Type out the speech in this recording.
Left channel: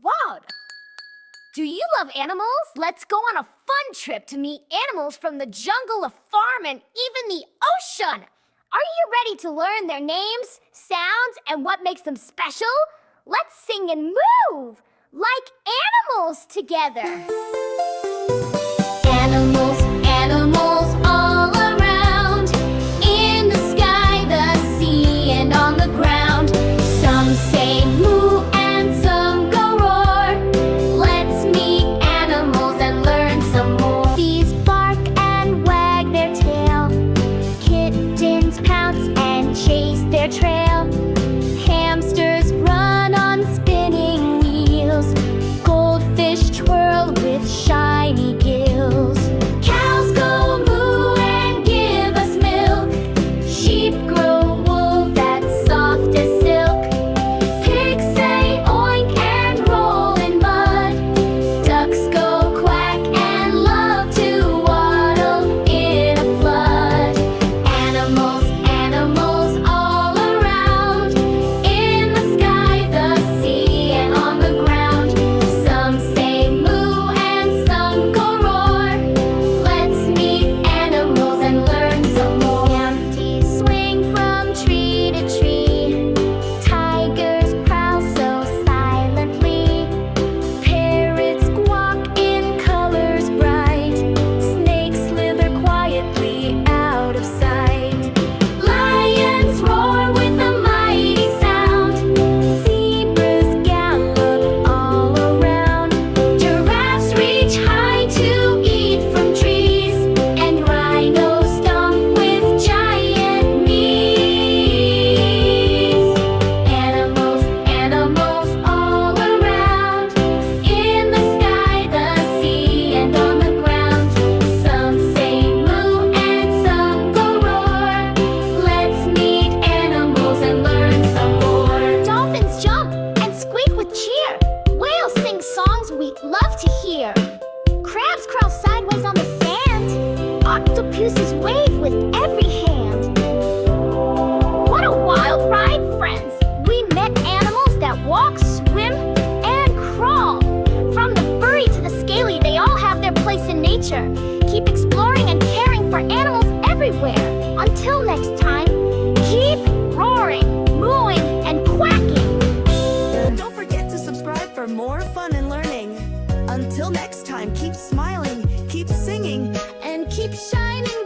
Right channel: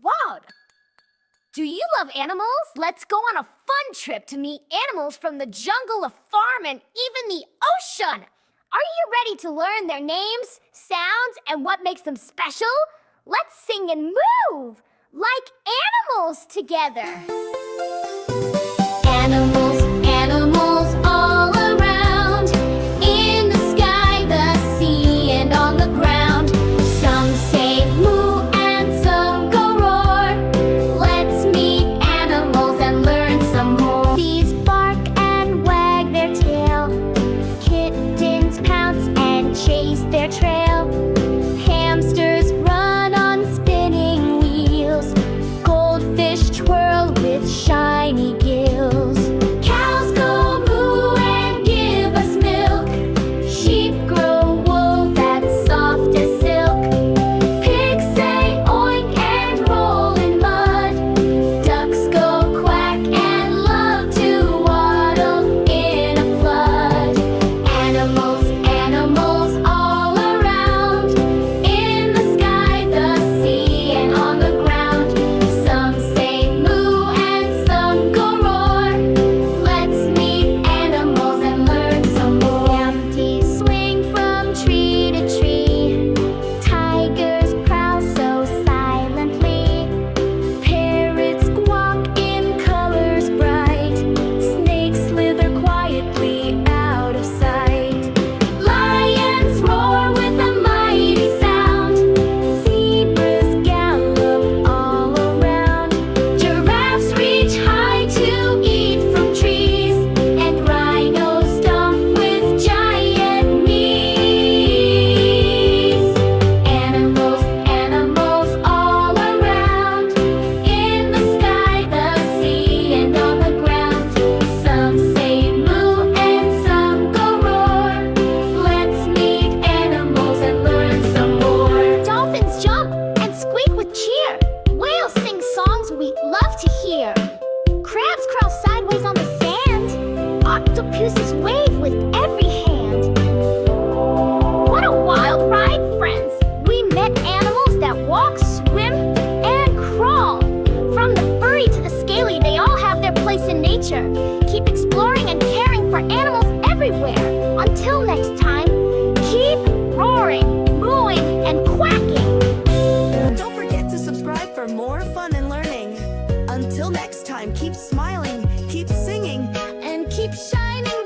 Wow! Do you love animals? Let's go on a fun trip to meet animals from the jungle, a farm, and even the ocean. Are you ready to learn their names, sounds, and what makes them special? Let's sing and move like animals together. Animals, animals all around, in the sky, the sea, and on the ground. Some say moo and some go roar. Let's meet animals and learn some more. These bark and wag their tail. Kittens pounce and chase their trail. Hamsters run on spinning wheels. Goldfish twirl with shiny gills. Cows go moo and give us milk. Sheep grow wool that's soft as silk. Pigs say oink and roll in mud. Ducks go quack and love to waddle in a flood. Animals, animals all around, in the sky, the sea, and on the ground. Some say moo and some go roar. Let's meet animals and learn some more. Mantis swing from tree to tree. Tigers prowl so silently. Parrots squawk in colors bright. Snakes slither quietly out of sight. Lions roar with a mighty sound. Zebras gallop all around. Giraffes reach high to eat from trees. And rhinos stomp with giant knees. Animals, animals all around, in the sky, the sea, and on the ground. Some say moo and some go roar. Let's meet animals and learn some more. Dolphins jump and squeak with cheer. Whales sing songs we love to hear. Crabs crawl sideways on the sand. Octopuses wave with every hand. What a wild ride, friends! We met animals that walk, swim, and crawl. From the furry to the scaly, they all have their place in nature. Keep exploring and caring for animals everywhere. Until next time, keep roaring, mooing, and quacking. Don't forget to subscribe for more fun and learning. Until next time, keep smiling, keep singing, And keep shining